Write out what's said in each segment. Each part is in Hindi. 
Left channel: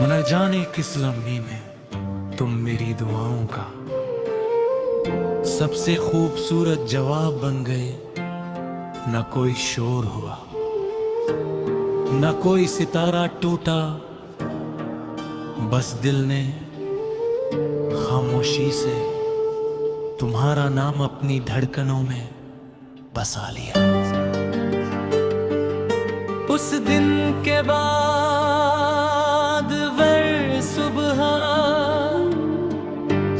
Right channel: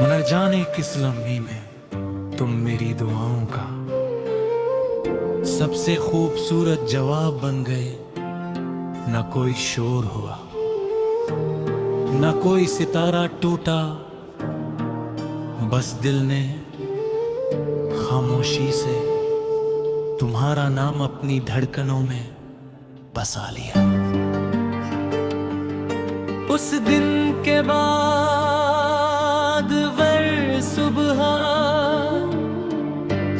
न जाने किस लम्हे में तुम मेरी दुआओं का सबसे खूबसूरत जवाब बन गए। न कोई शोर हुआ, न कोई सितारा टूटा, बस दिल ने खामोशी से तुम्हारा नाम अपनी धड़कनों में बसा लिया। उस दिन के बाद वर सुबह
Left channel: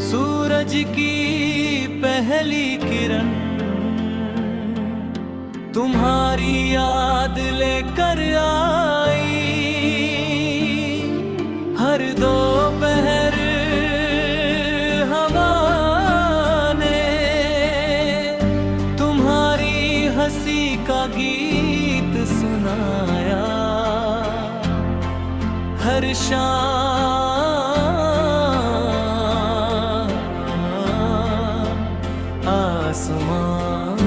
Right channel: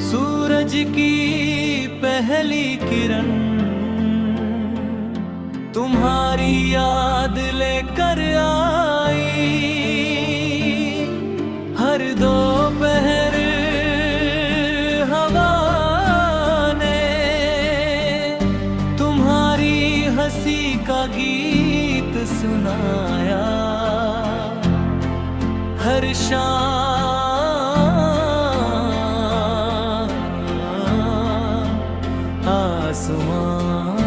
सूरज की पहली किरण तुम्हारी याद लेकर आई। हर दोपहर हवा ने तुम्हारी हंसी का गीत सुनाया। हर शाम आसमां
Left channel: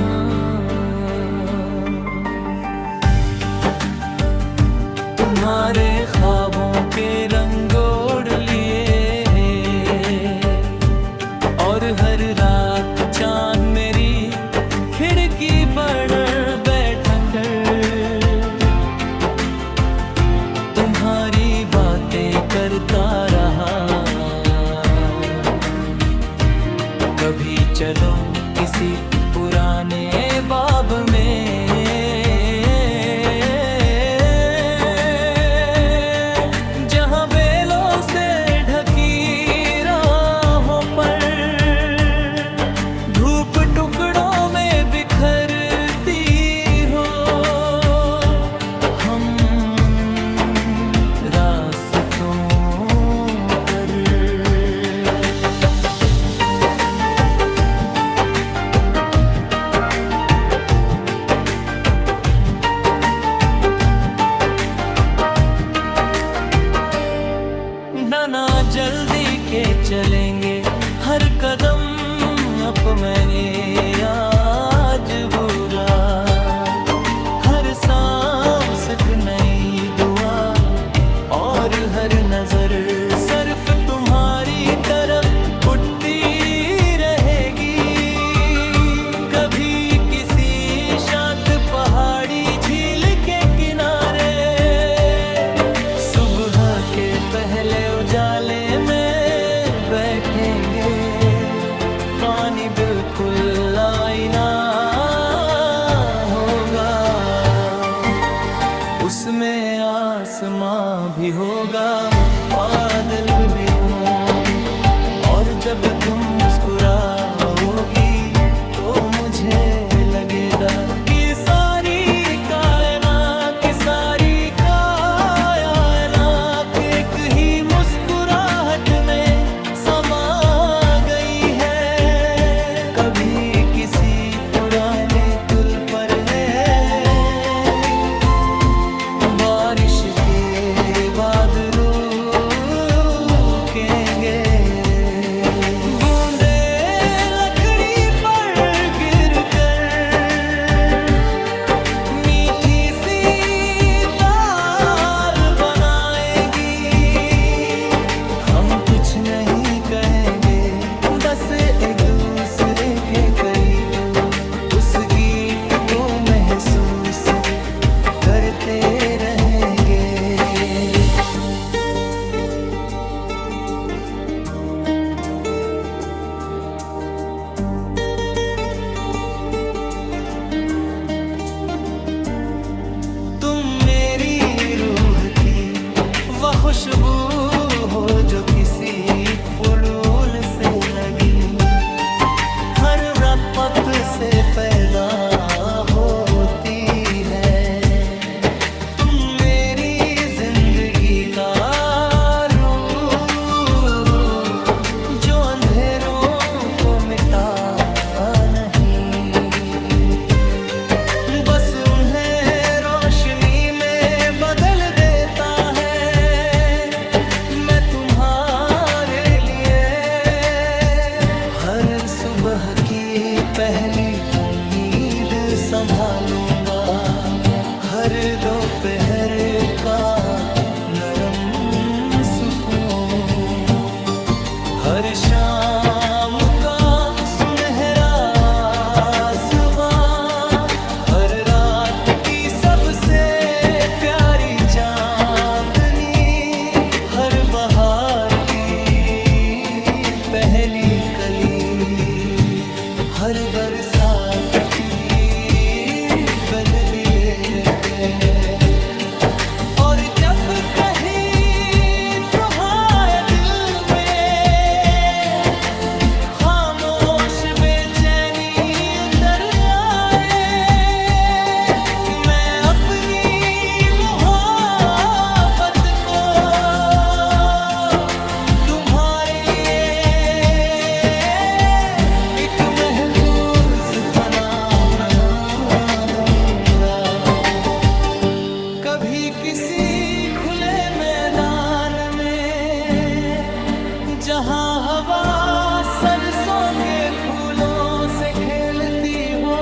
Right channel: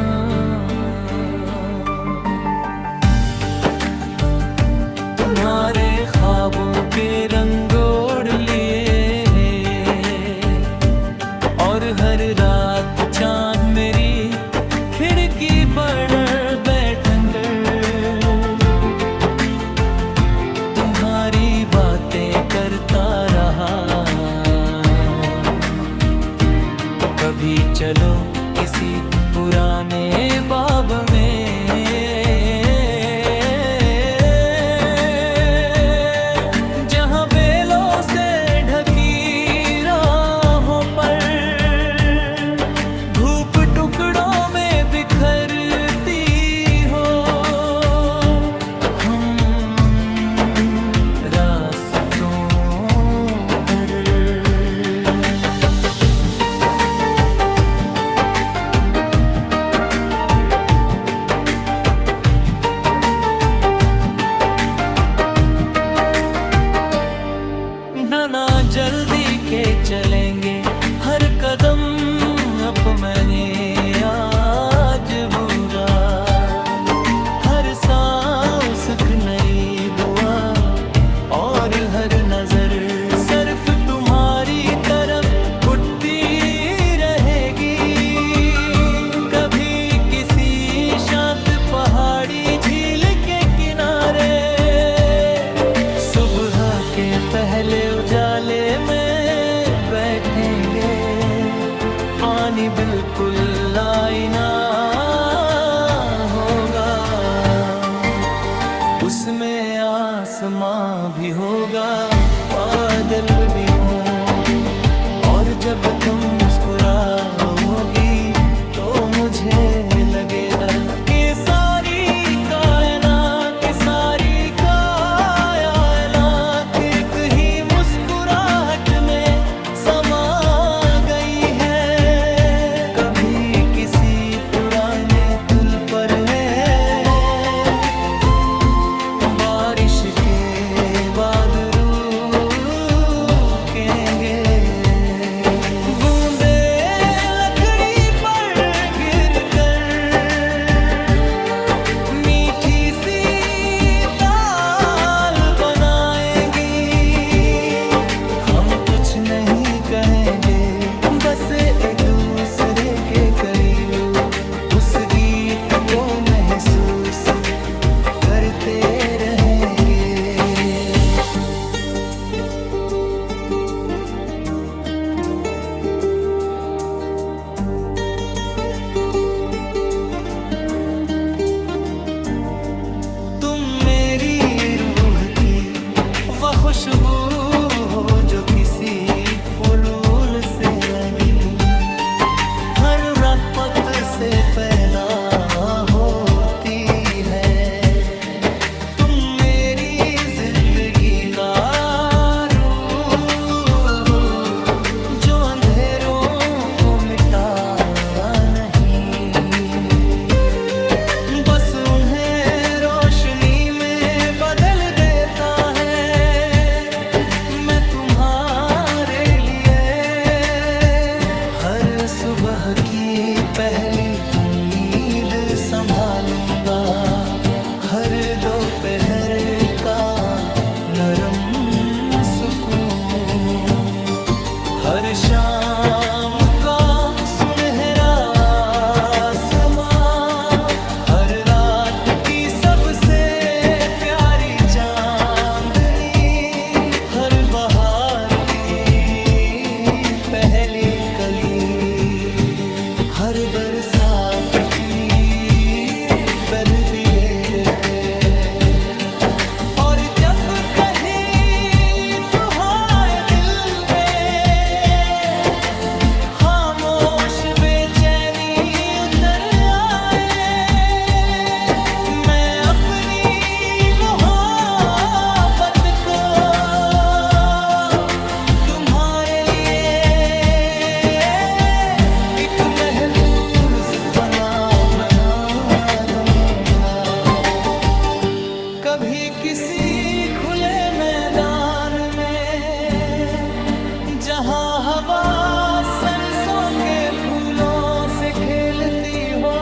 तुम्हारे ख्वाबों के रंग ओढ़ लिए और हर रात चांद मेरी खिड़की पर बैठकर तुम्हारी बातें करता रहा। कभी चलो किसी पुराने बाब में जहां बेलों से ढकी राहों पर धूप टुकड़ों में बिखरती हो। हम रास्तों पर ना जल्दी के चलेंगे हर कदम अपने आज बुरा। हर सांस एक नई दुआ और हर नजर सिर्फ तुम्हारी तरफ उठती रहेगी। कभी किसी शांत पहाड़ी झील के किनारे सुबह के पहले उजाले में बैठेंगे। पानी बिल्कुल आईना होगा, उसमें आसमां भी होगा, बादल भी होंगे। और जब तुम मुस्कुराओगी तो मुझे लगेगा कि सारी कायनात की सारी पर है बारिश के बाद रुकेंगे। बूंदे लकड़ी पर गिरकर मीठी सी दाल बनाएंगी। हम कुछ नहीं कहेंगे, बस एक दूसरे के करीब उस गीत को महसूस करते रहेंगे। तुम मेरी रूह की वह खुशबू हो जो किसी फूल से लगी। हर रपत से पैदा होती है। तुम मेरी जिंदगी का रूह जो अंधेरों को मिटा नहीं, बस उन्हें रोशनी में बदल देता है। मैं तुम्हारे लिए हर सुबह की पहली उम्मीद संभालूंगा। हर दोपहर का नरम सुकून, हर शाम का सुनहरा आसमां, हर रात की सबसे प्यारी चांदनी, हर बहार की पहली कली, हर बरसात की बर्दी ले के, और जब कहीं तुम्हारे दिल में खामोश बेचैनी उतर आए, मैं अपनी मोहब्बत को तुम्हारे लिए एक महफूज बना दूंगा। कभी किसी खुले मैदान में जहां हवा सरसों के फूलों से खेलती हो,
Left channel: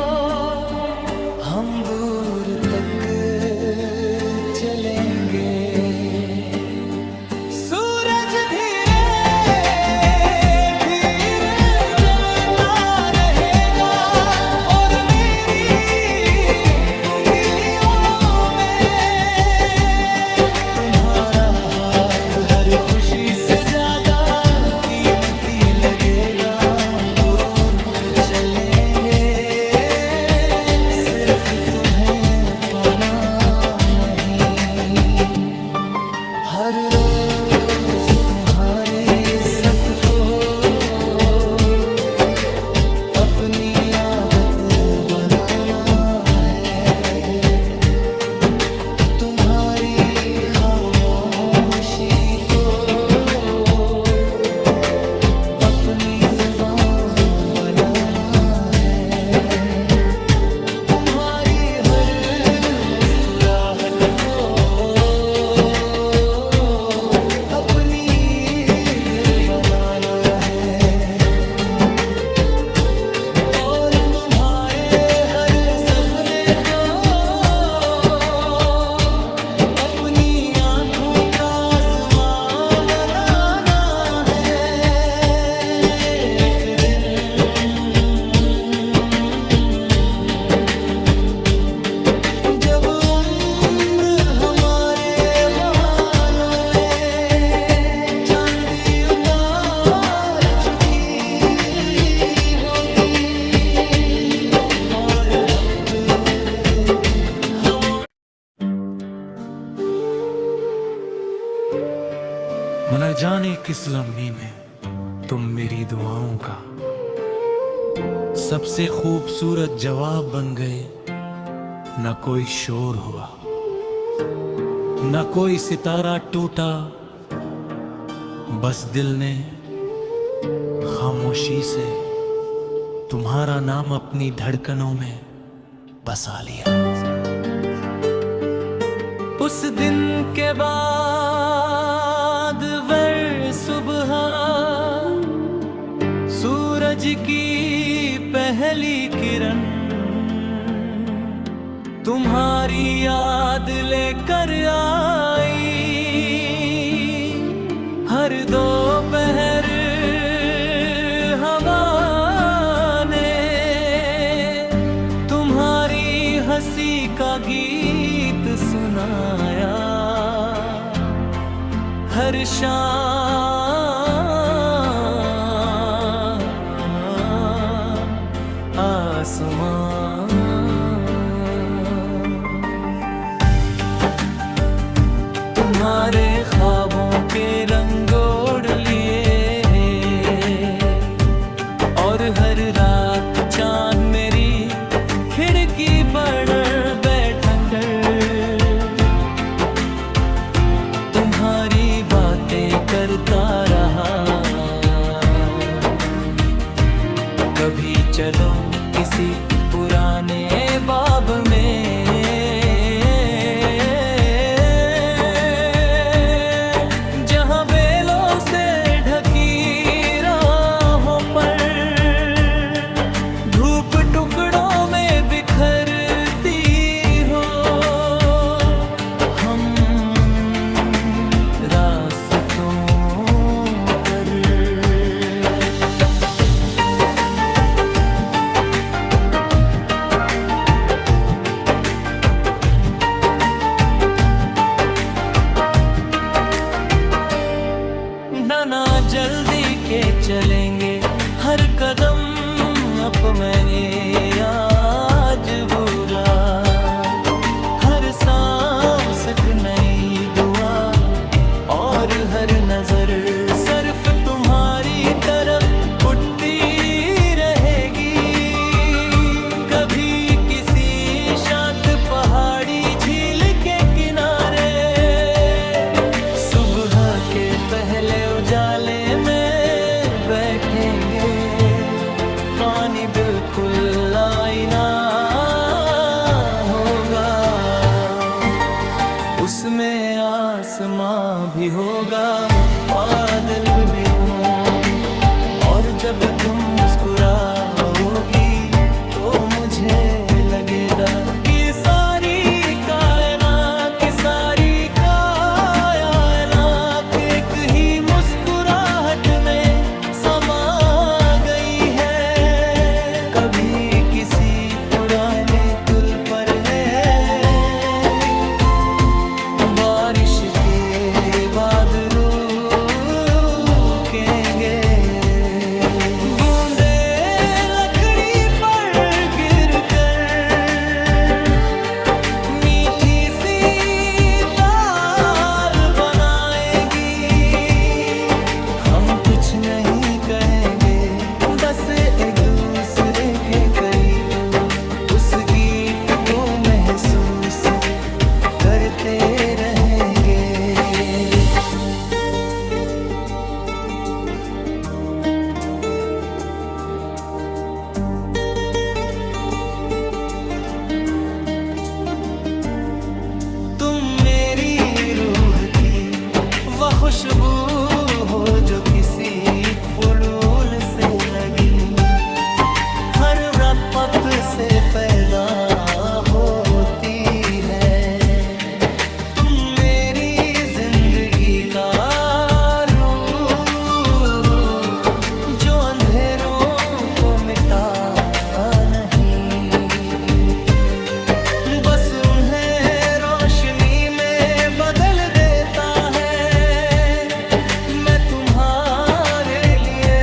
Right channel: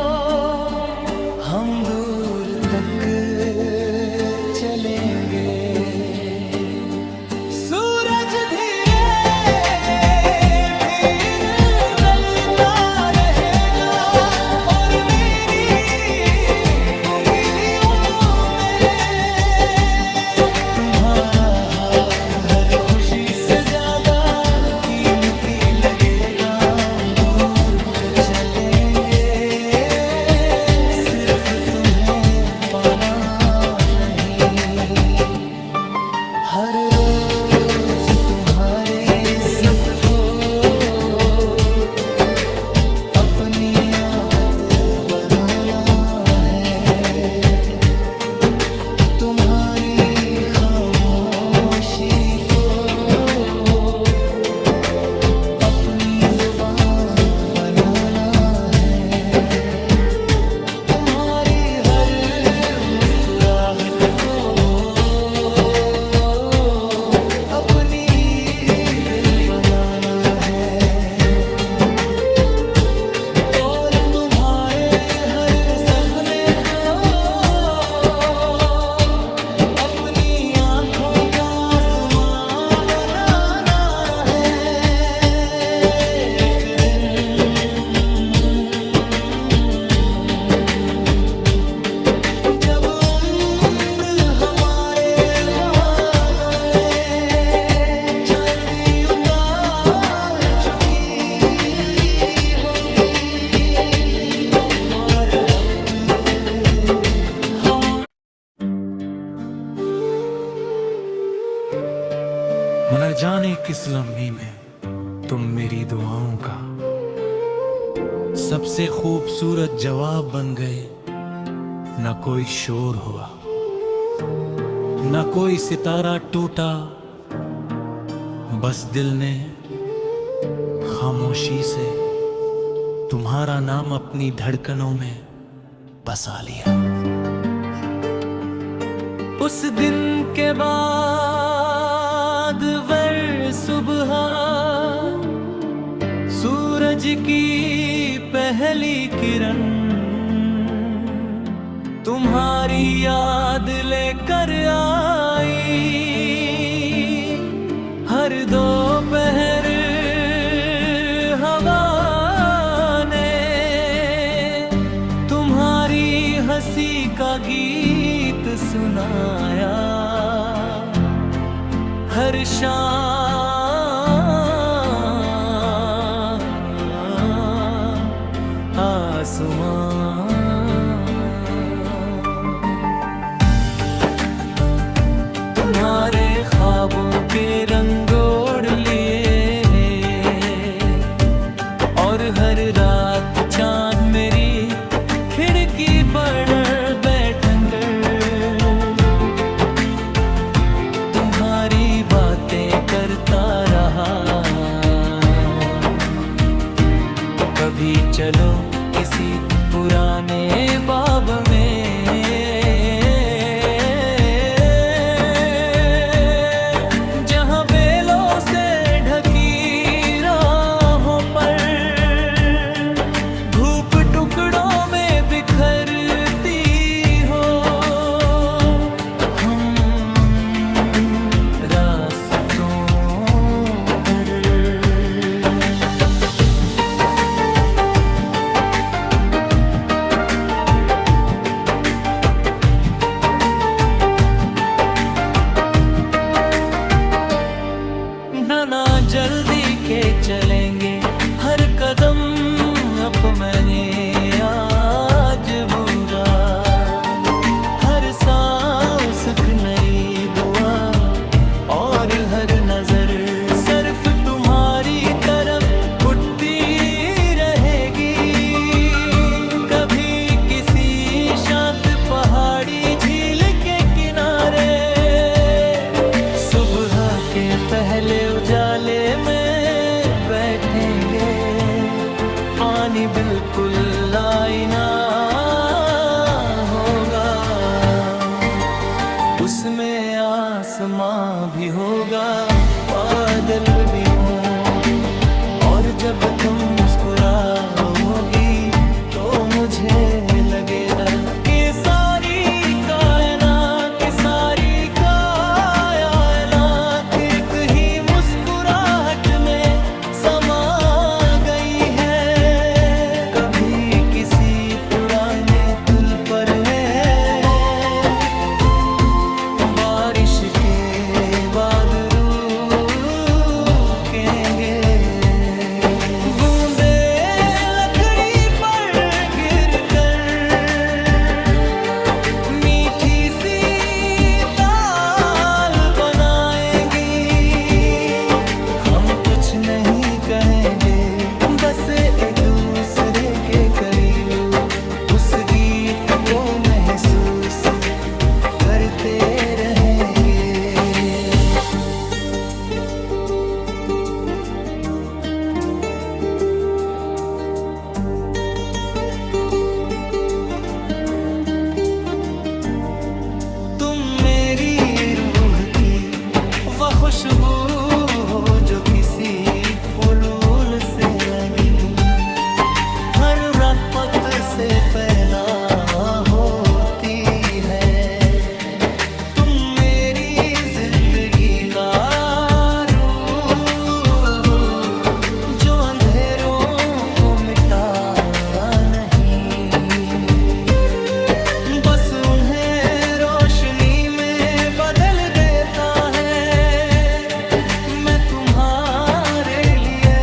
हम दूर तक चलेंगे। सूरज धीरे हर खुशी से ज्यादा कीमती लगेगा, दूर तक चलेंगे, सिर्फ तुम्हें पाना नहीं। हर रोज तुम्हारी इज्जत को अपनी आदत बनाना है, तुम्हारी खामोशी को अपनी जुबान बनाना है, तुम्हारी हर मुस्कुराहट को अपनी ईद बनाना है, और तुम्हारे हर सपने को अपनी आँखों का आसमां बनाना है। एक दिन जब उम्र हमारे बालों में चांदी उतार चुकी होगी, और हम न जाने किस लम्हे में तुम मेरी दुआओं का सबसे खूबसूरत जवाब बन गए। न कोई शोर हुआ, न कोई सितारा टूटा, बस दिल ने खामोशी से तुम्हारा नाम अपनी धड़कनों में बसा लिया। उस दिन के बाद वर सुबह सूरज की पहली किरण तुम्हारी याद लेकर आई। हर दोपहर हवा ने तुम्हारी हंसी का गीत सुनाया। हर शाम आसमां तुम्हारे ख्वाबों के रंग ओढ़ लिए, और हर रात चांद मेरी खिड़की पर बैठन कर तुम्हारी बातें करता रहा। कभी चलो किसी पुराने बाब में, जहां बेलों से ढकी राहों पर धूप टुकड़ों में बिखरती हो। हम जल्दी के चलेंगे हर कदम अपने आज बुरा, हर सांस एक नई दुआ और हर नजर सिर्फ तुम्हारी तरफ उठती रहेगी। कभी किसी शांत पहाड़ी झील के किनारे सुबह के पहले उजाले में बैठेंगे, पानी बिल्कुल आईना होगा, उसमें आसमां भी होगा, बादल भी होंगे, और जब तुम मुस्कुराओगी तो मुझे लगेगा कि सारी कायनात की सारी कायनात एक ही मुस्कुराहट में समा गई है। कभी किसी पुराने पुल पर है बारिश के बाद रुकेंगे, बूंदे लकड़ी पर गिरकर मीठी सी दाल बनाएंगी। हम कुछ नहीं कहेंगे, बस एक दूसरे के करीब उस गीत को महसूस करते रहेंगे। तुम मेरी रूह की वह खुशबू हो जो किसी फूल से लगी, हर रपत से पैदा होती है। तुम मेरी जिंदगी का रूह जो अंधेरों को मिटा नहीं, बस उन्हें रोशनी में बदल देता है। मैं तुम्हारे लिए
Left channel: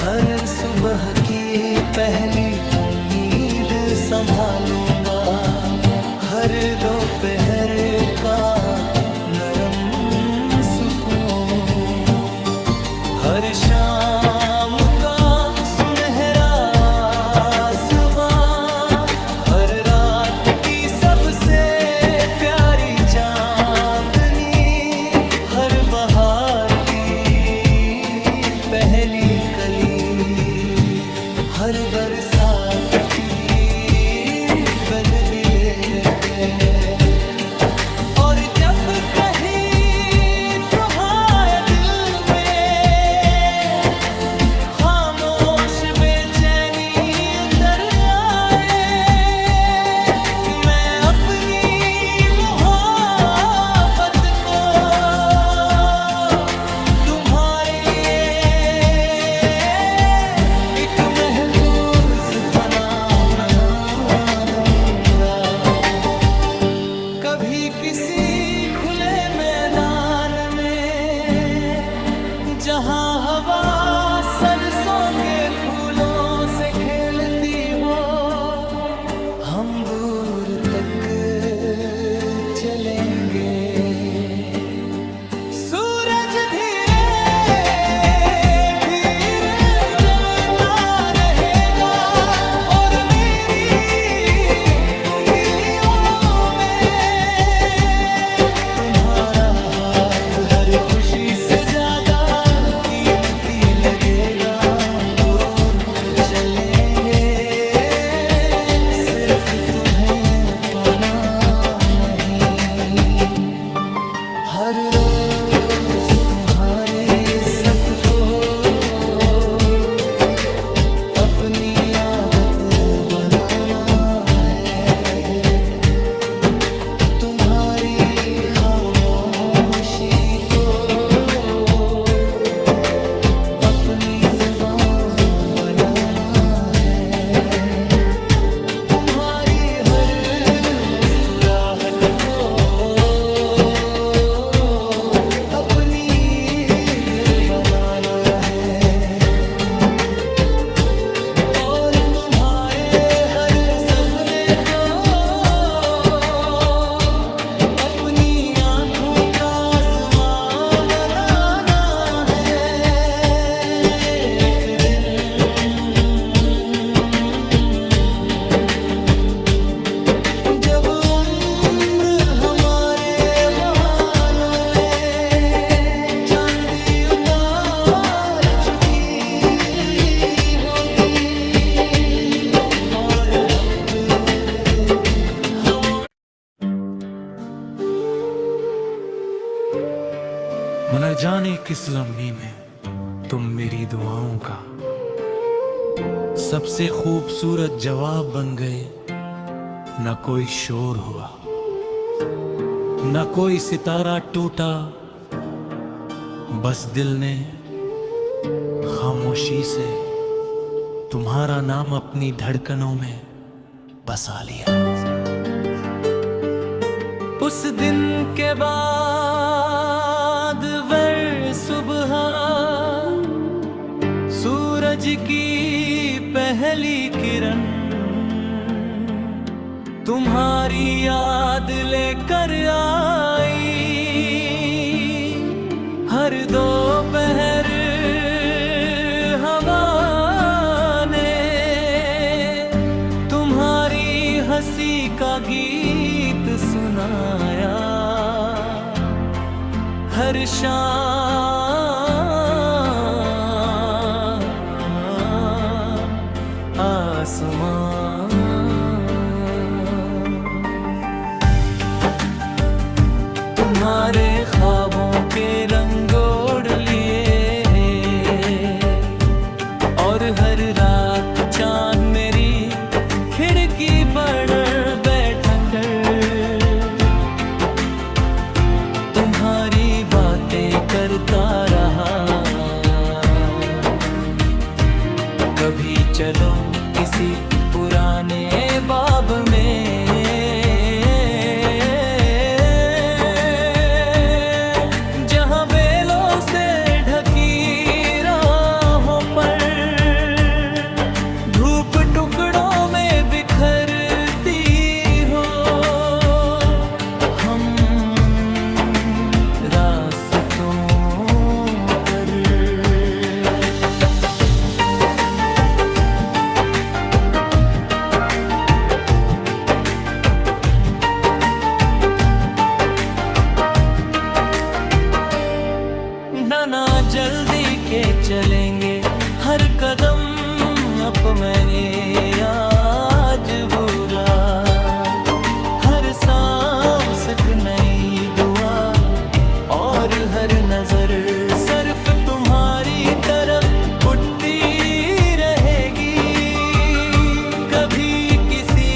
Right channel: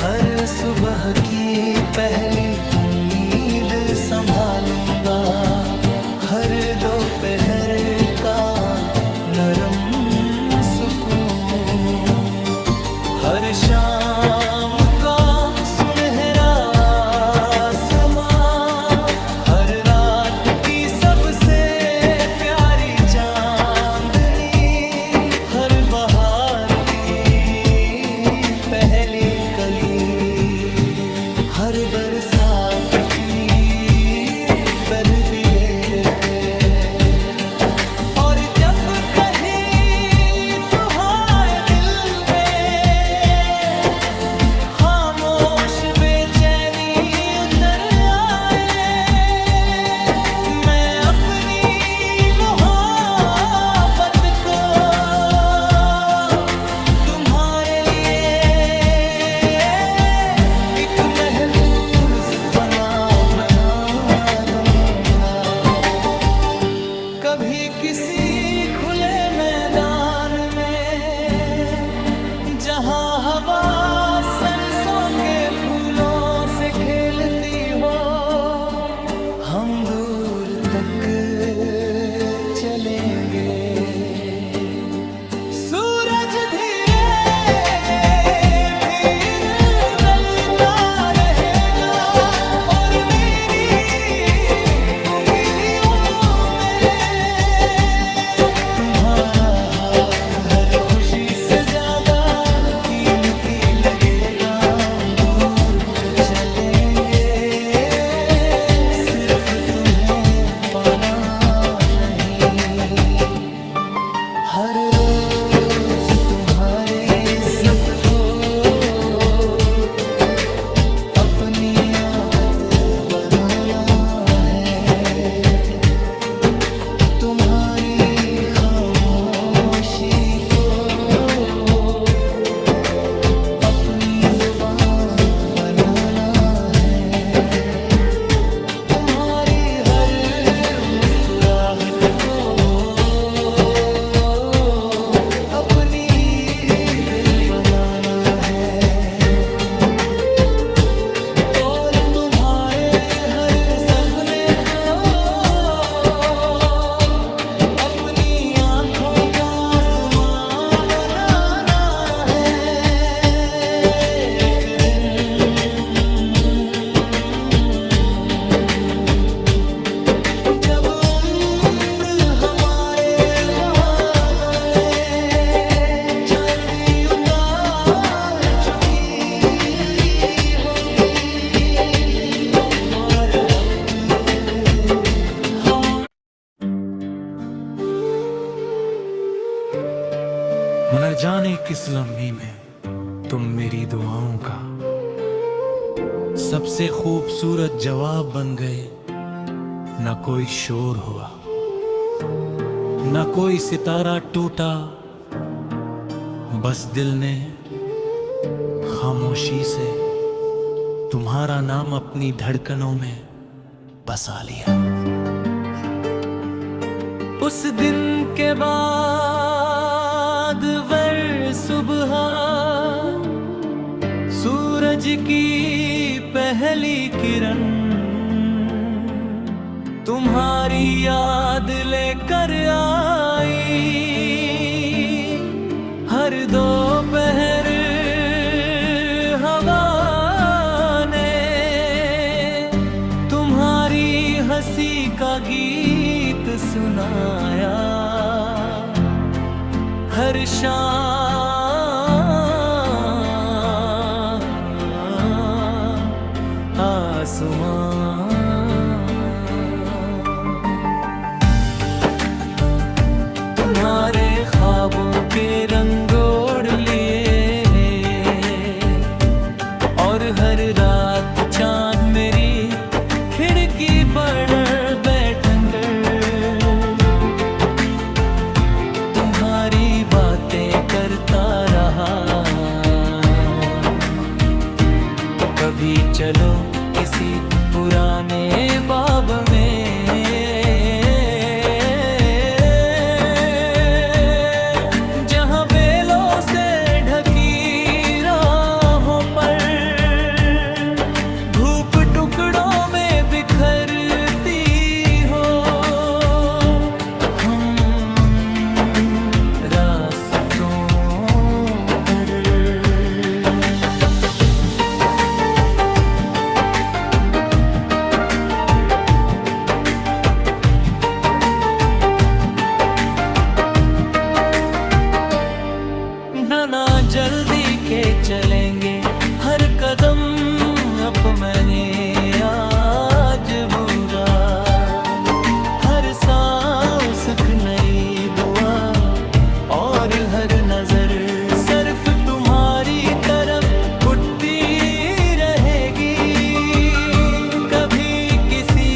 हर सुबह की पहली उम्मीद संभालूंगा, हर दोपहर का नरम सुकून, हर शाम का सुनहरा आसमां, हर रात की सबसे प्यारी चांदनी, हर बहार की पहली कली, हर बरसात की बर्दी लेके, और जब कहीं तुम्हारे दिल में खामोश बेचैनी उतर आए, मैं अपनी मोहब्बत को तुम्हारे लिए एक महफूज बना दूंगा। कभी किसी खुले मैदान में जहां हवा सरसों के फूलों से खेलती हो, हम दूर तक चलेंगे। सूरज धीरे हर खुशी से ज्यादा कीमती लगेगा, दूर तक चलेंगे, सिर्फ तुम्हें पाना नहीं। हर रोज तुम्हारी इज्जत को अपनी आदत बनाना है, तुम्हारी खामोशी को अपनी जुबान बनाना है, तुम्हारी हर मुस्कुराहट को अपनी बनाना है और तुम्हारे हर सपने को अपनी आंखों का आसमां बनाना है। एक दिन जब उम्र हमारे बालों में चांदी उतार चुकी होगी और हफ्ते हम न जाने किस लम्हे में तुम मेरी दुआओं का सबसे खूबसूरत जवाब बन गए। न कोई शोर हुआ, न कोई सितारा टूटा, बस दिल ने खामोशी से तुम्हारा नाम अपनी धड़कनों में बसा लिया। उस दिन के बाद वर सुबह सूरज की पहली किरण तुम्हारी याद लेकर आई। हर दोपहर हवा ने तुम्हारी हंसी का गीत सुनाया। हर शाम आसमां तुम्हारे ख्वाबों के रंग ओढ़ लिए और हर रात चांद मेरी खिड़की पर बैठन कर तुम्हारी बातें करता रहा। कभी चलो किसी पुराने बाब में जहां बेलों से ढकी राहों पर धूप टुकड़ों में बिखरती हो। हम रास्तों पर ना जल्दी के चलेंगे हर कदम अपने आज बुरा। हर सांस एक नई दुआ और हर नजर सिर्फ तुम्हारी तरफ उठती रहेगी। कभी किसी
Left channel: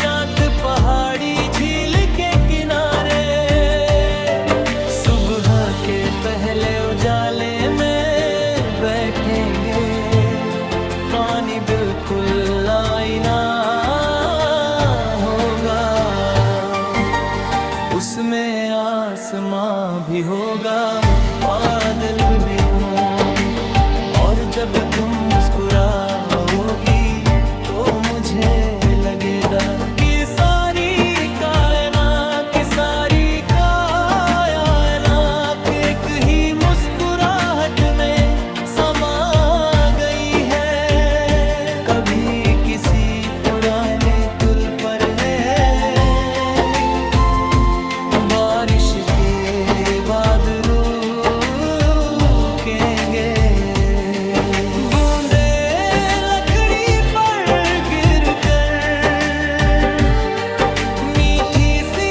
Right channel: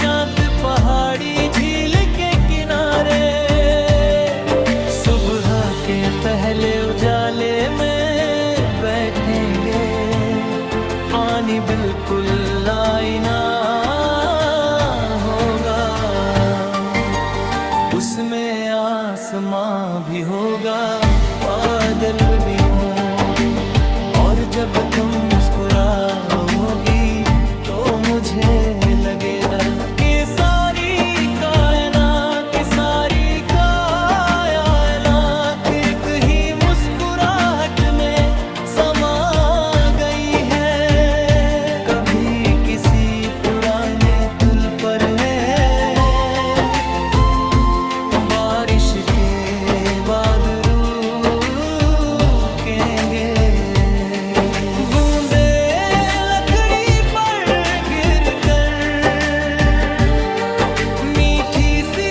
शांत पहाड़ी झील के किनारे सुबह के पहले उजाले में बैठेंगे। पानी बिल्कुल आईना होगा, उसमें आसमां भी होगा, बादल भी होंगे। और जब तुम मुस्कुराओगी तो मुझे लगेगा कि सारी कायनात की सारी एक ही मुस्कुराहट में समा गई है। कभी किसी पुराने पुल पर है बारिश के बाद रुकेंगे। बूंदे लकड़ी पर गिरकर मीठी सी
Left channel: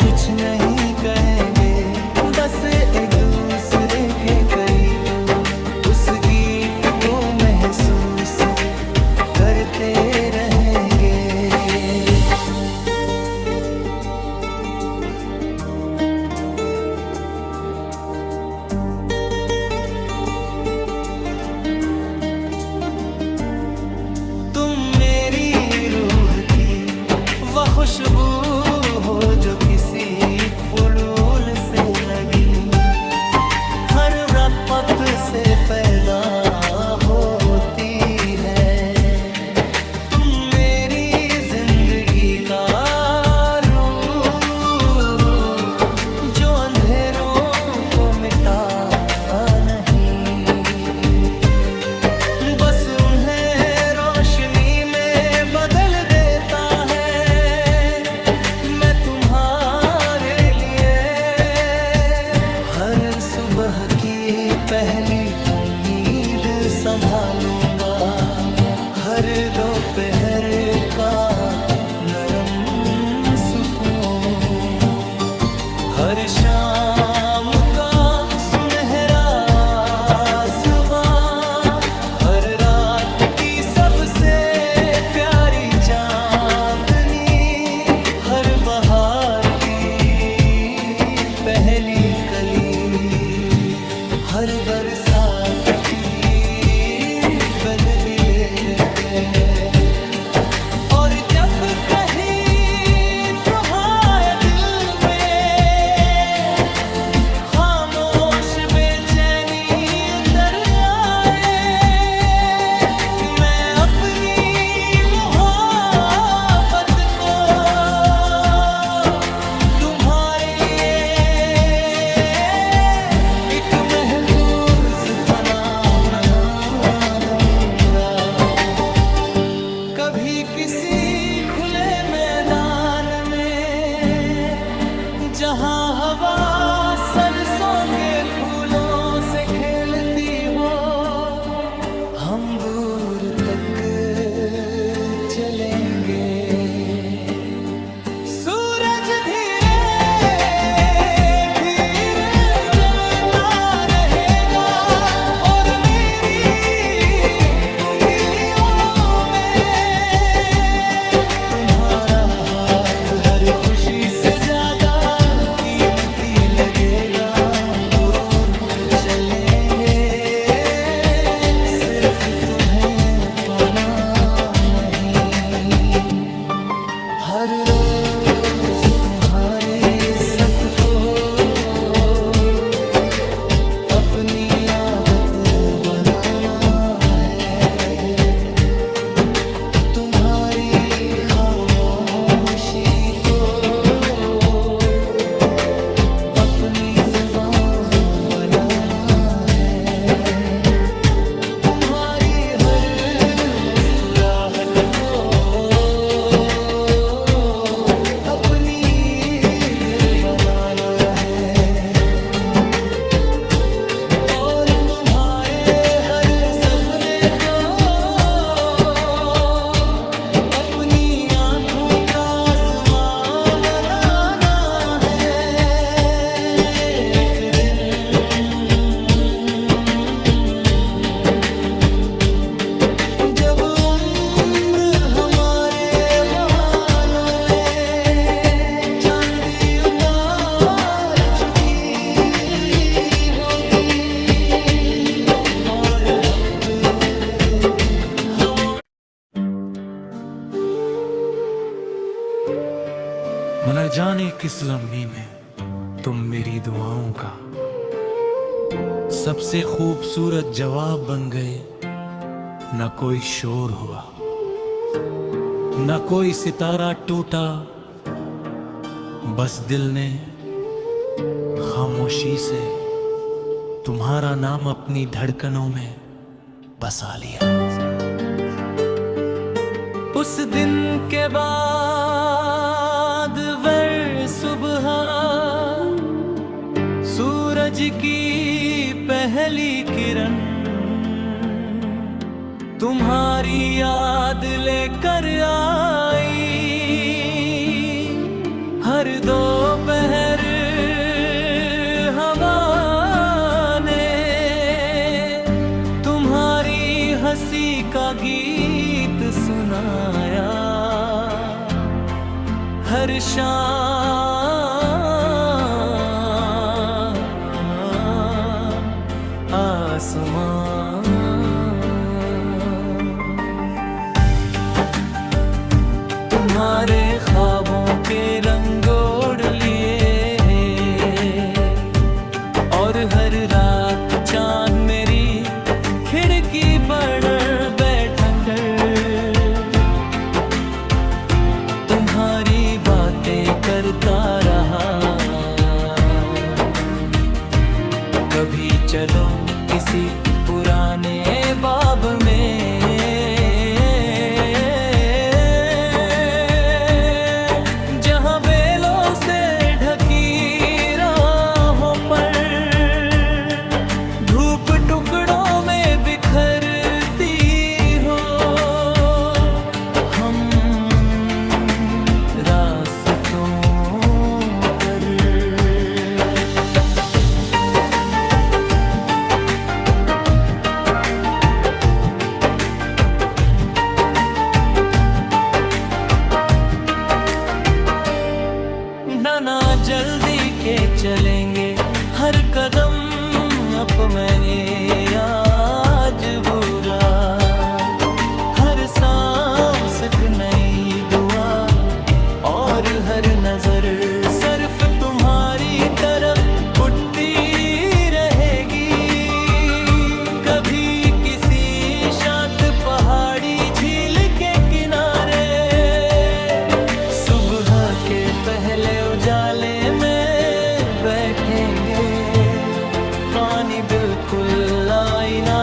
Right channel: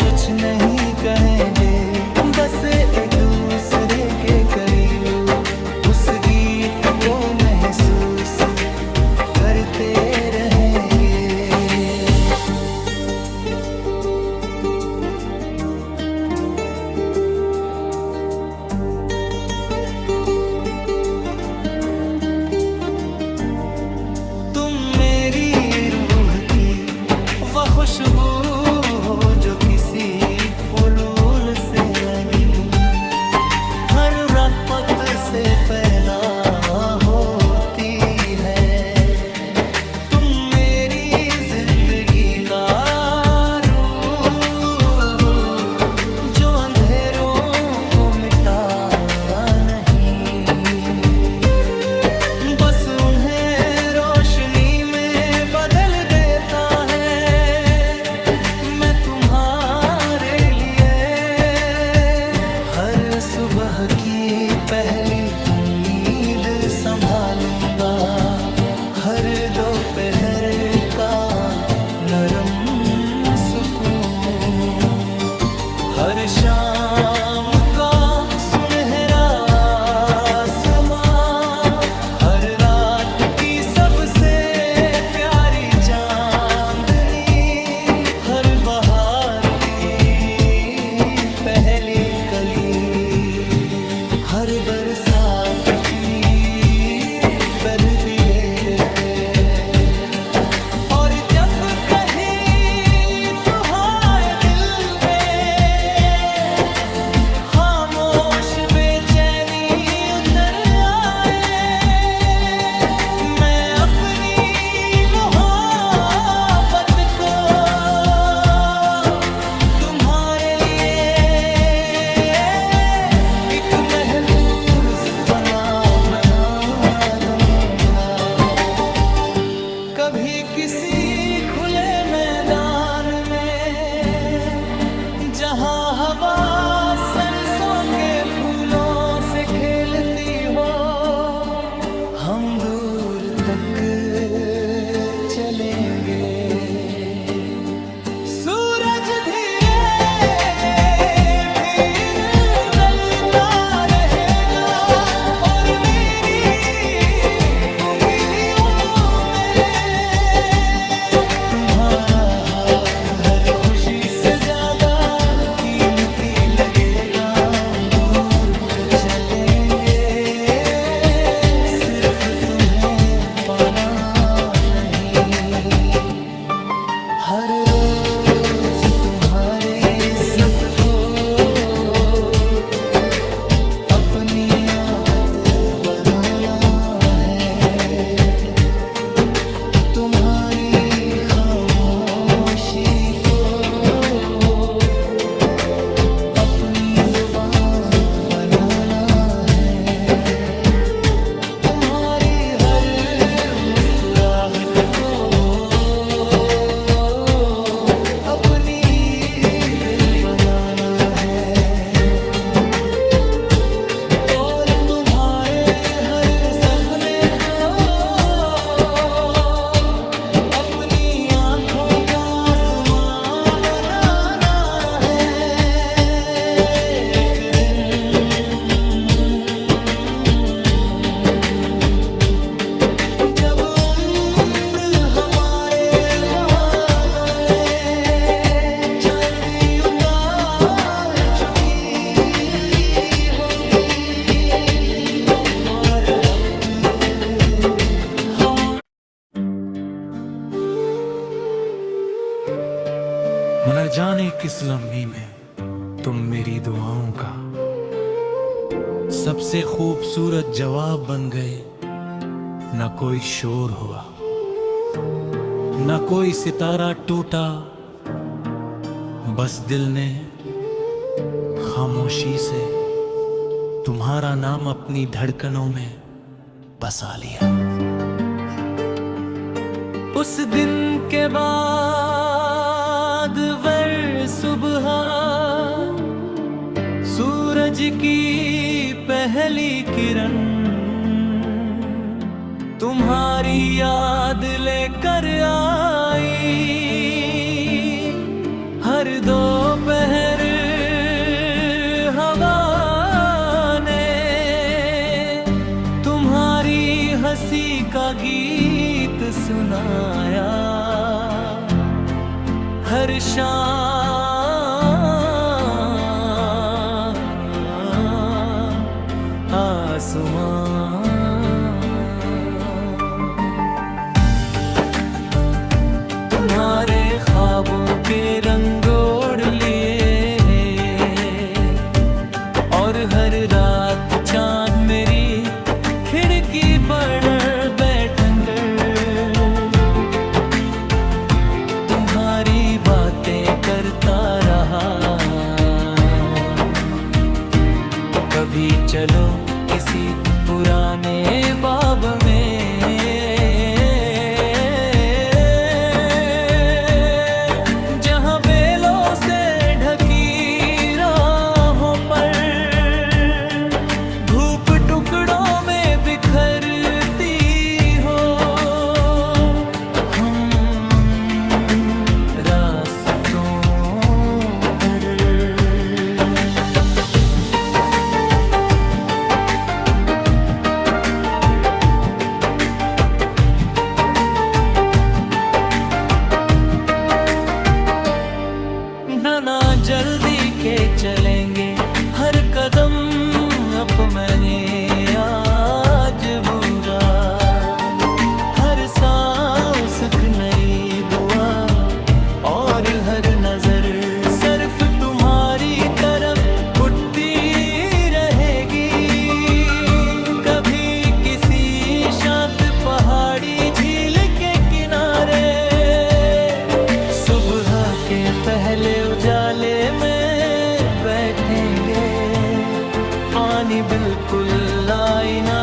कुछ नहीं कहेंगे, बस एक दूसरे के करीब उस गीत को महसूस करते रहेंगे। तुम मेरी रूह की वह खुशबू हो जो किसी फूल से लगी, हर रपत से पैदा होती है। तुम मेरी जिंदगी का रूह जो अंधेरों को मिटा नहीं, बस उन्हें रोशनी में बदल देता है। मैं तुम्हारे लिए हर सुबह की पहली उम्मीद संभालूंगा, हर दोपहर का नरम सुकून, हर शाम का सुनहरा आसमां, हर रात की सबसे प्यारी चांदनी, हर बहार की पहली कली, हर बरसात की बर्फी लेके। और जब कहीं तुम्हारे दिल में खामोश बेचैनी उतर आए, मैं अपनी मोहब्बत को तुम्हारे लिए एक महफूज बना दूंगा। कभी किसी खुले मैदान में जहां हवा सरसों के फूलों से खेलती हो, हम दूर तक चलेंगे। सूरज धीरे हर खुशी से ज्यादा कीमती लगेगा। दूर तक चलेंगे, सिर्फ तुम्हें पाना नहीं। हर रोज तुम्हारी इज्जत को अपनी आदत बनाना है। तुम्हारी खामोशी को अपनी जुबान बनाना है। तुम्हारी हर मुस्कुराहट को अपनी ईद बनाना है। और तुम्हारे हर सपने को अपनी आँखों का आसमां बनाना है। एक दिन जब उम्र हमारे बालों में चांदी उतार चुकी होगी और हफ्ते हम न जाने किस लम्हे में तुम मेरी दुआओं का सबसे खूबसूरत जवाब बन गए। न कोई शोर हुआ, न कोई सितारा टूटा, बस दिल ने खामोशी से तुम्हारा नाम अपनी धड़कनों में बसा लिया। उस दिन के बाद वर सुबह सूरज की पहली किरण तुम्हारी याद लेकर आई। हर दोपहर हवा ने तुम्हारी हंसी का गीत सुनाया। हर शाम आसमां तुम्हारे ख्वाबों के रंग ओढ़ लिए, और हर रात चांद मेरी खिड़की पर बैठन कर तुम्हारी बातें करता रहा। कभी चलो किसी पुराने बाब में, जहां बेलों से ढकी राहों पर धूप टुकड़ों में बिखरती हो। हम रास्तों पर ना जल्दी के चलेंगे, हर कदम अपने आज बुरा, हर सांस एक नई दुआ, और हर नजर सिर्फ तुम्हारी तरफ उठती रहेगी। कभी किसी शांत पहाड़ी झील के किनारे, सुबह के पहले उजाले में बैठेंगे, पानी बिल्कुल आईना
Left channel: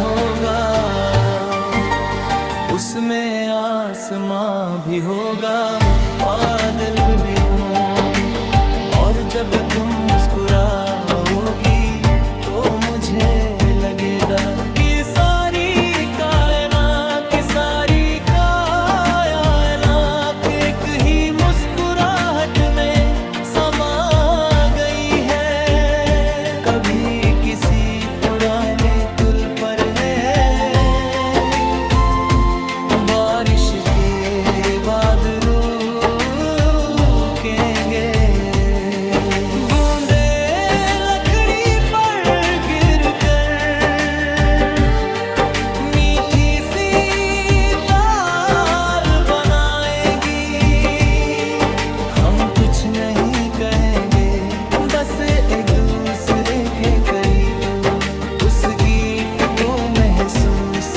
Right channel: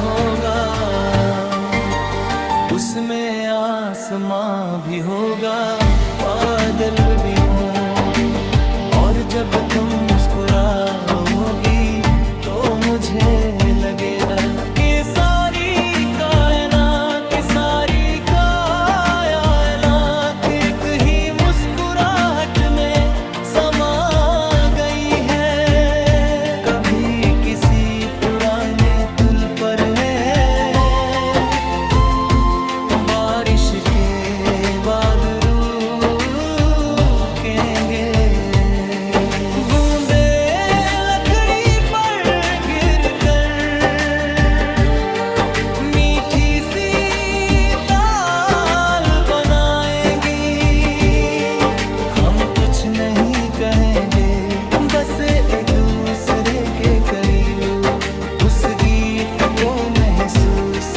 होगा, उसमें आसमां भी होगा, बादल भी होंगे, और जब तुम मुस्कुराओगी तो मुझे लगेगा कि सारी कायनात की सारी एक ही मुस्कुराहट में समा गई है। कभी किसी पुराने पुल पर है, बारिश के बाद रुकेंगे, बूंदे लकड़ी पर गिरकर मीठी सी कुछ नहीं कहेंगे, बस एक दूसरे के करीब उस गीत को महसूस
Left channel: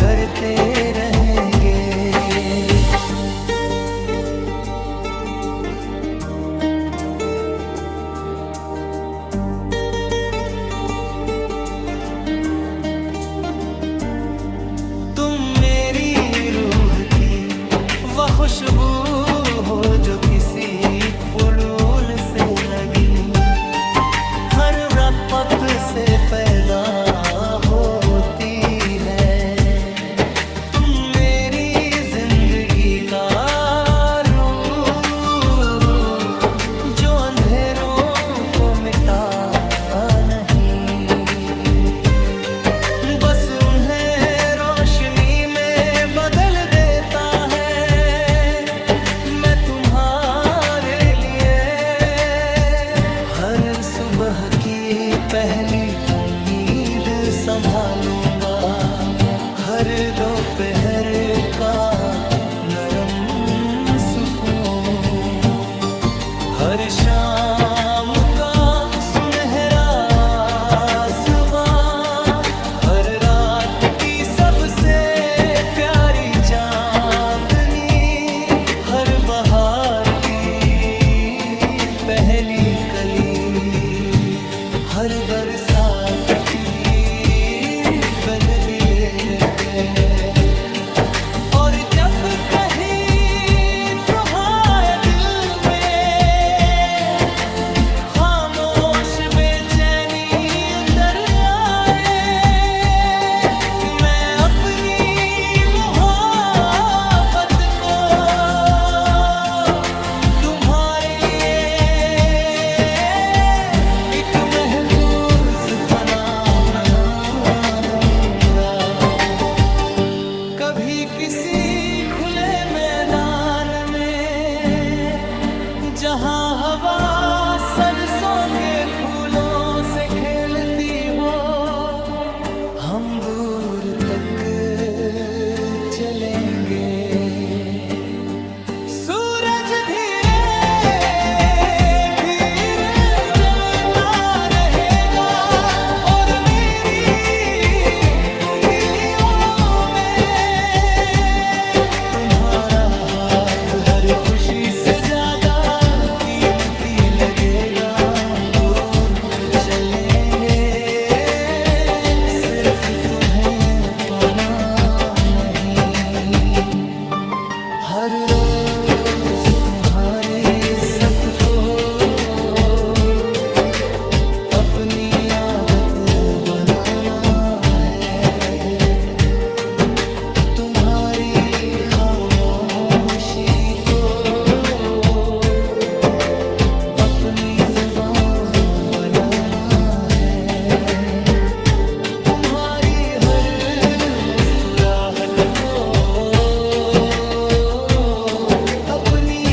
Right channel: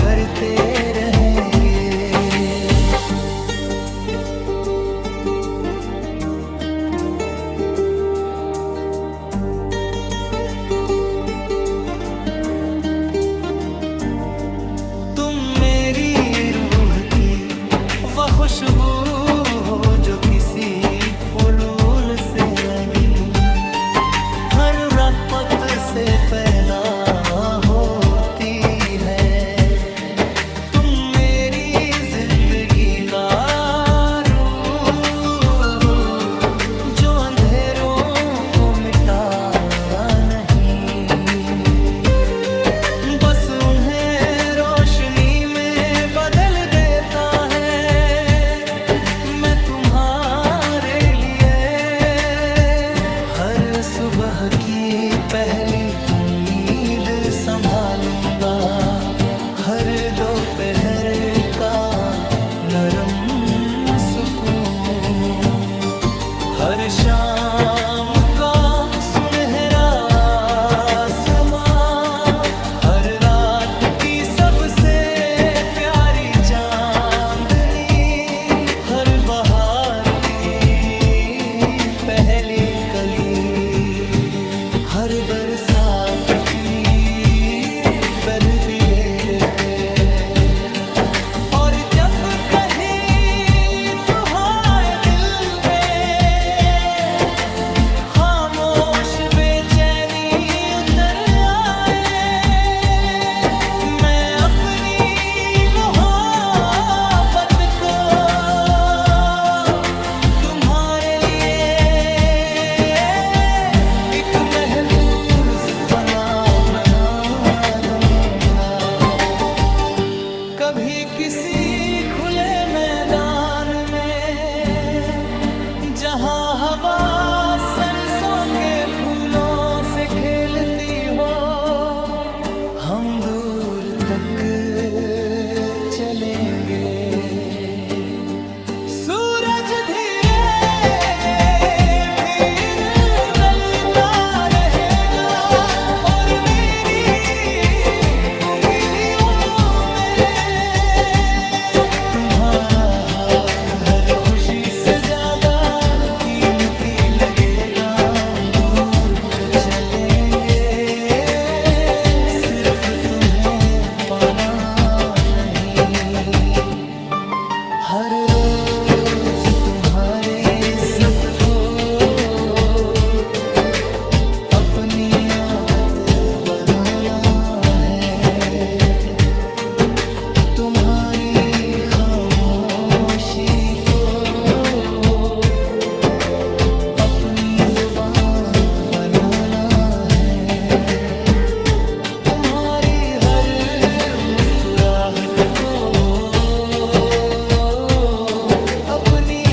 करते रहेंगे। तुम मेरी रूह की वह खुशबू हो जो किसी फूल से लगी, हर रपत से पैदा होती है। तुम मेरी जिंदगी का रूह, जो अंधेरों को मिटा नहीं, बस उन्हें रोशनी में बदल देता है। तुम्हारे लिए हर सुबह की पहली उम्मीद संभालूंगा, हर दोपहर का नरम सुकून, हर शाम का सुनहरा आसमां, हर रात की सबसे प्यारी चांदनी, हर बहार की पहली कली, हर बरसात की बर्फी लेकर, और जब कहीं तुम्हारे दिल में खामोश बेचैनी उतर आए, मैं अपनी मोहब्बत को महफूज बना दूंगा। कभी किसी खुले मैदान में, जहां हवा सरसों के फूलों से खेलती हो, हम दूर तक चलेंगे। सूरज धीरे धीरे ढलता रहेगा और मेरी उंगलियों में तुम्हारा हाथ हर खुशी से ज्यादा कीमती लगेगा। दूर तक चलेंगे, सिर्फ तुम्हें पाना नहीं। हर रोज तुम्हारी इज्जत को अपनी आदत बनाना है। तुम्हारी खामोशी को अपनी जुबान बनाना है। तुम्हारी हर मुस्कुराहट को अपनी